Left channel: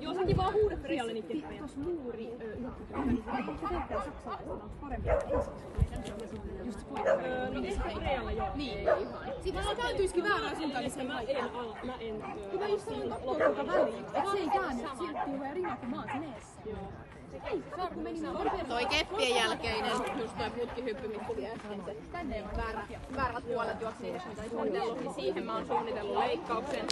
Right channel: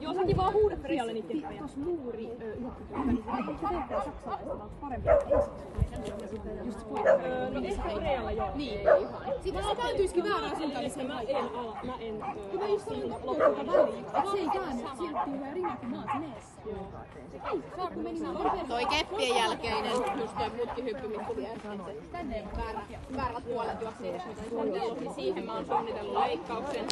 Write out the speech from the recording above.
Joo, säkin vaan huudat Frealle niitä keppejä. Tos luuri yhtäkkiä, se tehdään saksalaisella parempi. Just no ehkä Frealla joo. Niin, ihan. Sitten se kääntyisikin väärään suuntaan, missä mä en Hyvä just siinä loppuun väliin. Se ei käänny, sieltä tulee ringat, kun mä oon sen eessä. Ei, Saarko meni näin. Toi keppien jälkeinen, just toi putkihyppy, mitä tuli äsken, väärät puolet juoksii. Siihen mä oon suunnitellut leikkauksen.